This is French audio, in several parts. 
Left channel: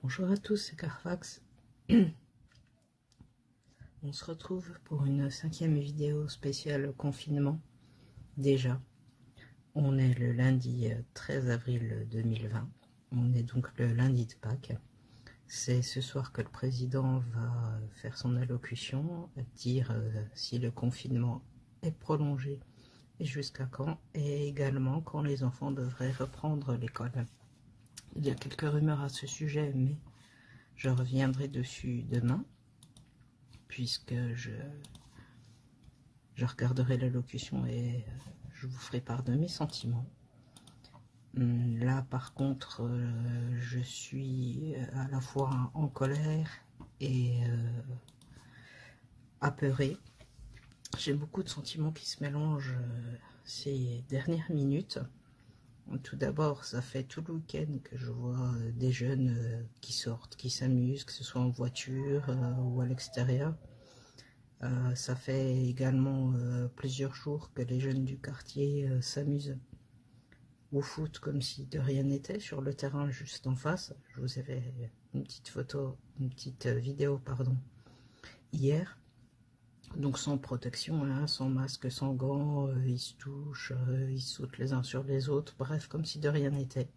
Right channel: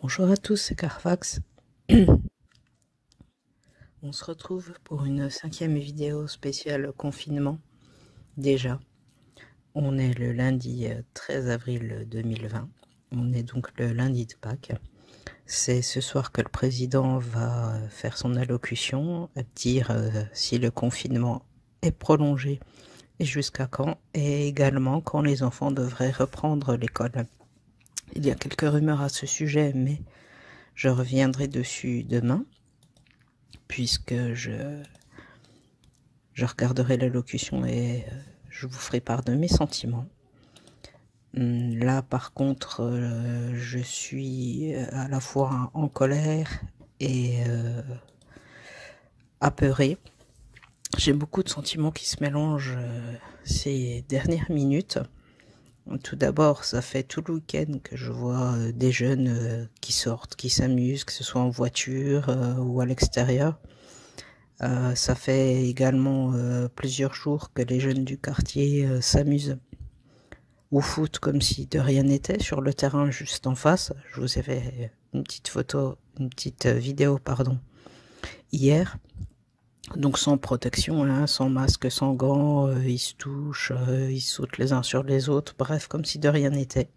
Bonjour à tous, c'est Carfax. On se retrouve pour une 5e vidéo spéciale confinement. Déjà, on est le lundi 13 avril 2020. On est donc le lundi de Pâques. C'est ce soir que le président va faire son allocution, dire si le confinement est prolongé et jusqu'à quand, et également quand les enfants devraient reprendre l'école. Il y a quelques rumeurs à ce sujet, mais je reviendrai dessus demain, puisque je regarderai l'allocution et je vous ferai part de mes sentiments. Là, par contre, je suis à la fois en colère et apeurée. J'ai beaucoup de sentiments qui se mélangent ces dernières minutes. Tout d'abord, ça fait tout le week-end que je vois des jeunes qui sortent, qui s'amusent, que ce soit en voiture ou à l'extérieur. Ça fait également plusieurs jours que les jeunes du quartier s'amusent au foot comme si de rien n'était sur le terrain juste en face. Je vous ai fait une petite vidéo, pardon, hier. Donc sans protection, hein, sans masque, sans gants, ils se touchent, ils sautent les uns sur les autres, bref, comme si de rien n'était.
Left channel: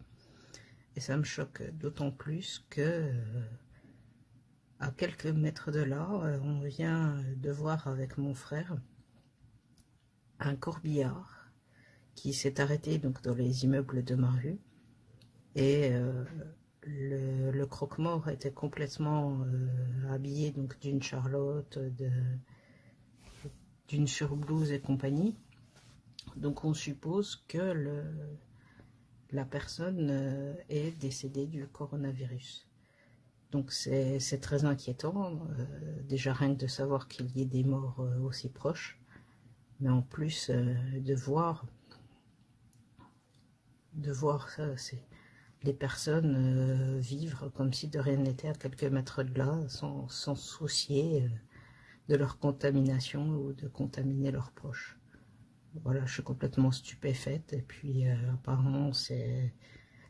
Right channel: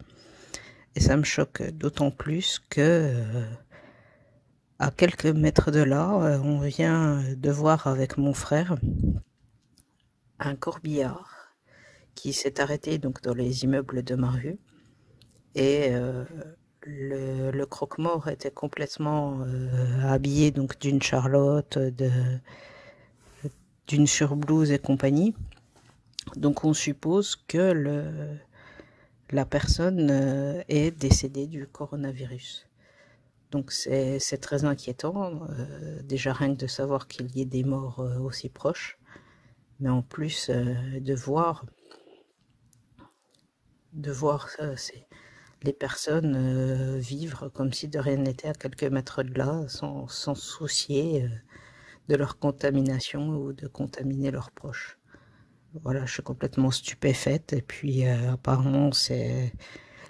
Et ça me choque d'autant plus que à quelques mètres de là, on vient de voir avec mon frère un corbillard qui s'est arrêté donc dans les immeubles de ma rue, et le croque-mort était complètement habillé donc d'une charlotte, d'une surblouse et compagnie. Donc on suppose que la personne est décédée du coronavirus. Donc c'est très inquiétant, déjà rien que de savoir qu'il y ait des morts aussi proches, mais en plus de voir ça, c'est les personnes vivre comme si de rien n'était à quelques mètres de là, sans soucier de leur contamination ou de contaminer leurs proches. Voilà, je suis complètement stupéfaite. Et puis apparemment,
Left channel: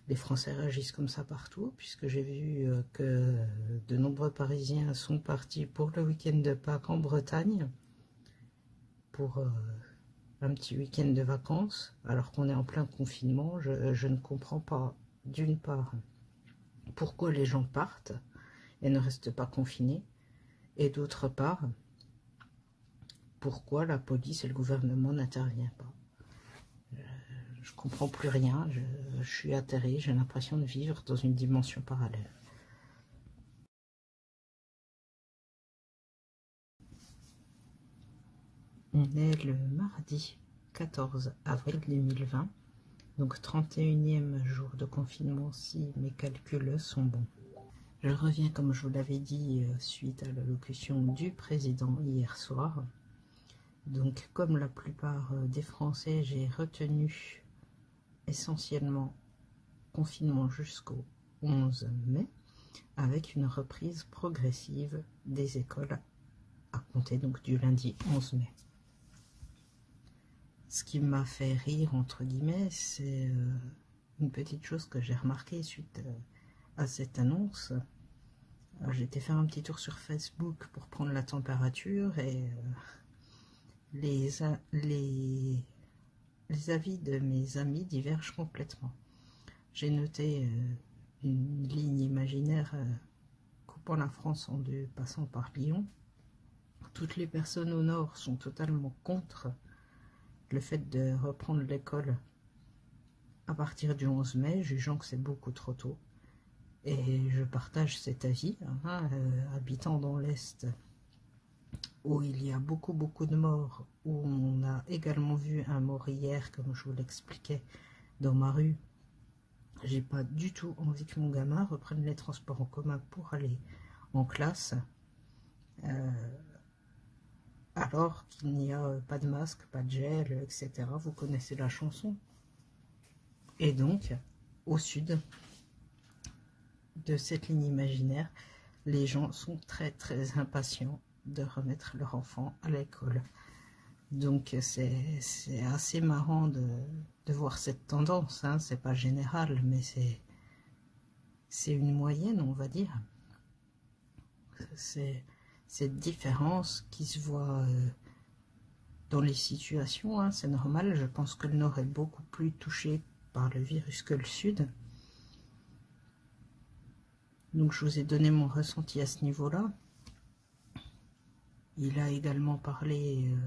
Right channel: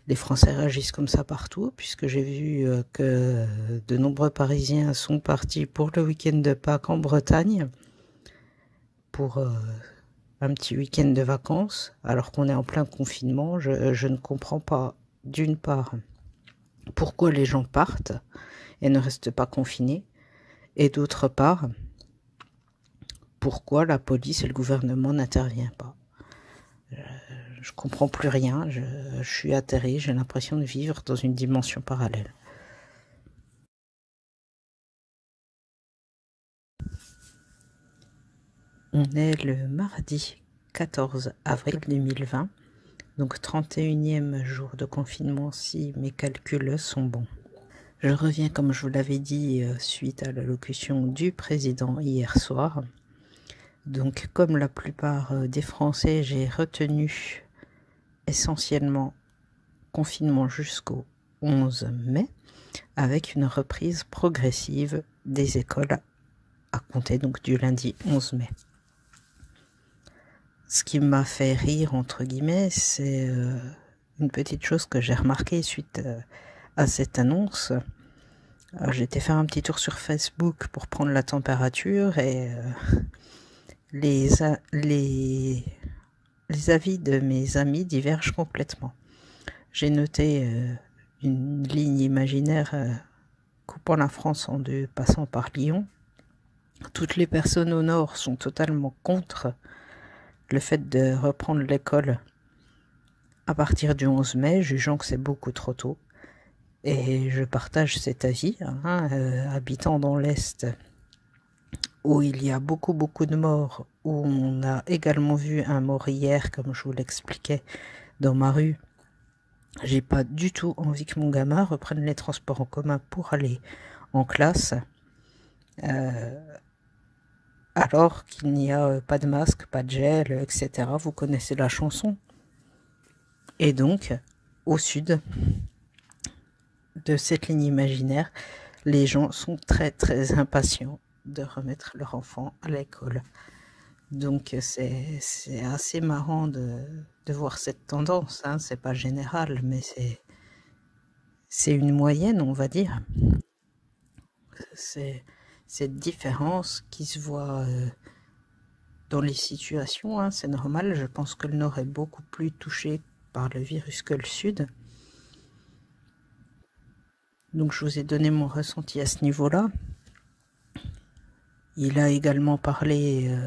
les Français réagissent comme ça partout, puisque j'ai vu que de nombreux Parisiens sont partis pour le week-end de Pâques en Bretagne, pour un petit week-end de vacances, alors qu'on est en plein confinement. Je ne comprends pas, d'une part, pourquoi les gens partent et ne restent pas confinés, et d'autre part, pourquoi la police et le gouvernement n'interviennent pas. Je comprends plus rien, je suis atterrée, j'ai l'impression de vivre dans une dimension parallèle. On est le mardi 14 avril 2020, donc 31e jour de confinement si mes calculs sont bons. Je reviens, comme je vous l'avais dit, suite à l'allocution du président hier soir. Donc comme la plupart des Français, j'ai retenu essentiellement confinement jusqu'au 11 mai, avec une reprise progressive des écoles à compter donc du lundi 11 mai. Ce qui m'a fait rire, entre guillemets, c'est une petite chose que j'ai remarquée suite à cette annonce. J'ai été faire un petit tour sur Facebook pour prendre la température, et les avis de mes amis divergent complètement. J'ai noté une ligne imaginaire coupant la France en deux, passant par Lyon. Toutes les personnes au nord sont totalement contre le fait de reprendre l'école à partir du 11 mai, jugeant que c'est beaucoup trop tôt. Et je partage cet avis, hein, habitant dans l'Est, où il y a beaucoup de morts, où on a également vu un mort hier, comme je vous l'expliquais, dans ma rue. J'ai pas du tout envie que mon gamin reprenne les transports en commun pour aller en classe, alors qu'il n'y a pas de masque, pas de gel, etc. Vous connaissez la chanson. Et donc, au sud de cette ligne imaginaire, les gens sont très impatients de remettre leur enfant à l'école. Donc c'est assez marrant de voir cette tendance, hein. C'est pas général, mais c'est une moyenne, on va dire. C'est cette différence qui se voit dans les situations, hein, c'est normal. Je pense que le Nord est beaucoup plus touché par le virus que le Sud. Donc je vous ai donné mon ressenti à ce niveau-là. Il a également parlé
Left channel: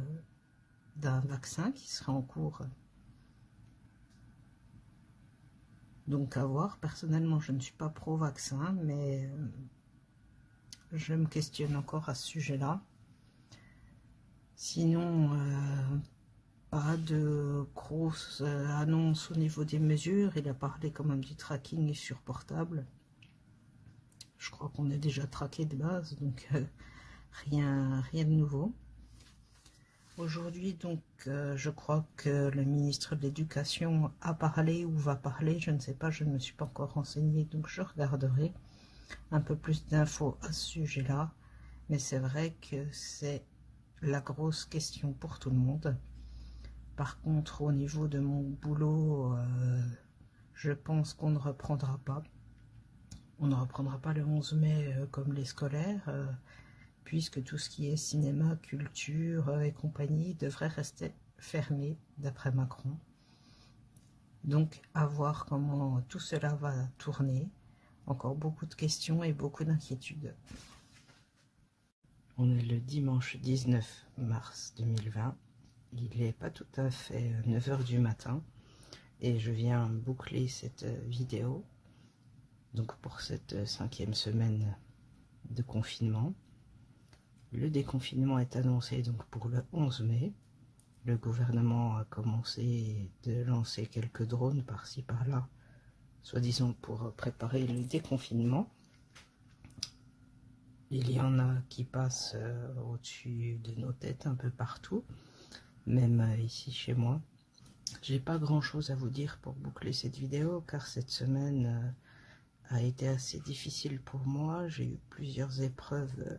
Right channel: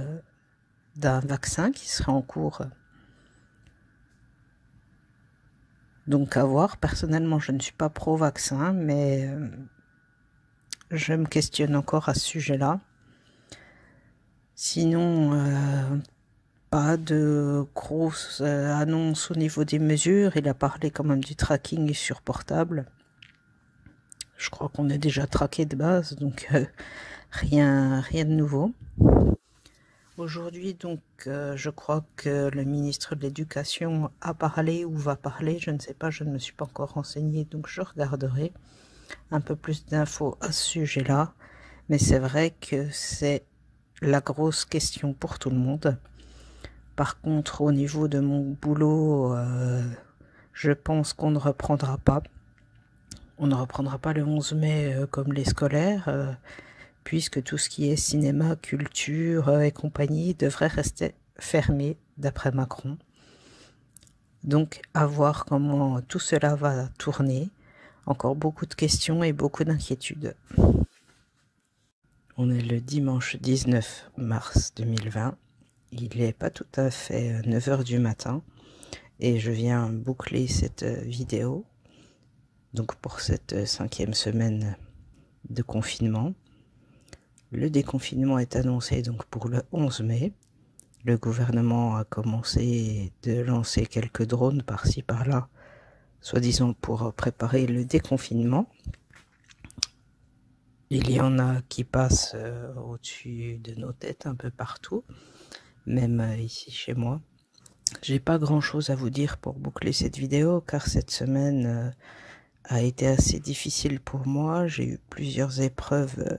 d'un vaccin qui serait en cours. Donc à voir. Personnellement, je ne suis pas pro-vaccin, mais je me questionne encore à ce sujet-là. Sinon, pas de grosses annonces au niveau des mesures. Il a parlé quand même du tracking sur portable. Je crois qu'on est déjà traqué de base, donc rien de nouveau. Aujourd'hui, donc, je crois que le ministre de l'Éducation a parlé ou va parler, je ne sais pas, je ne me suis pas encore renseignée, donc je regarderai un peu plus d'infos à ce sujet-là. Mais c'est vrai que c'est la grosse question pour tout le monde. Par contre, au niveau de mon boulot, je pense qu'on ne reprendra pas. On ne reprendra pas le 11 mai comme les scolaires, puisque tout ce qui est cinéma, culture et compagnie devrait rester fermé, d'après Macron. Donc, à voir comment tout cela va tourner. Encore beaucoup de questions et beaucoup d'inquiétudes. On est le dimanche 19 mars 2020. Il n'est pas tout à fait 9 h du matin. Et je viens boucler cette vidéo. Donc pour cette 5e semaine de confinement. Le déconfinement est annoncé donc pour le 11 mai. Le gouvernement a commencé de lancer quelques drones par-ci par-là, soi-disant pour préparer le déconfinement. Il y en a qui passent au-dessus de nos têtes un peu partout, même ici chez moi. J'ai pas grand-chose à vous dire pour boucler cette vidéo, car cette semaine a été assez difficile pour moi. J'ai eu plusieurs épreuves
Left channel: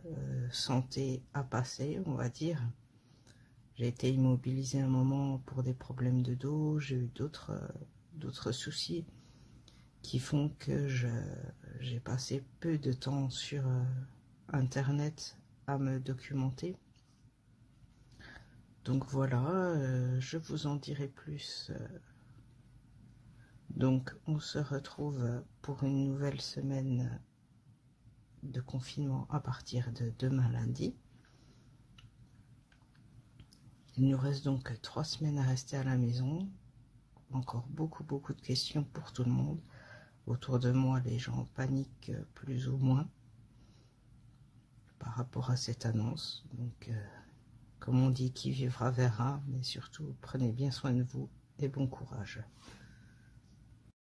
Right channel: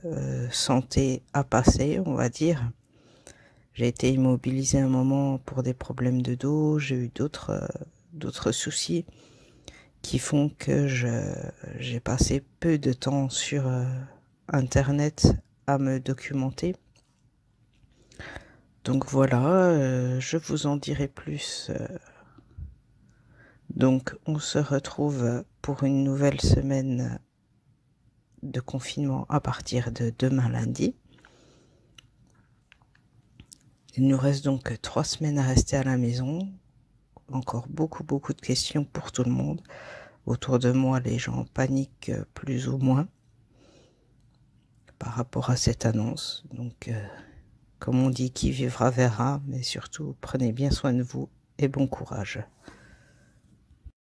santé à passer, on va dire. J'ai été immobilisée un moment pour des problèmes de dos. J'ai eu d'autres soucis qui font que j'ai passé peu de temps sur Internet à me documenter. Donc voilà, je vous en dirai plus. Donc on se retrouve pour une nouvelle semaine de confinement à partir de demain lundi. Il nous reste donc 3 semaines à rester à la maison. Encore beaucoup de questions pour tout le monde. Autour de moi, les gens paniquent plus ou moins par rapport à cette annonce. Donc, comme on dit, qui vivra verra, mais surtout, prenez bien soin de vous et bon courage.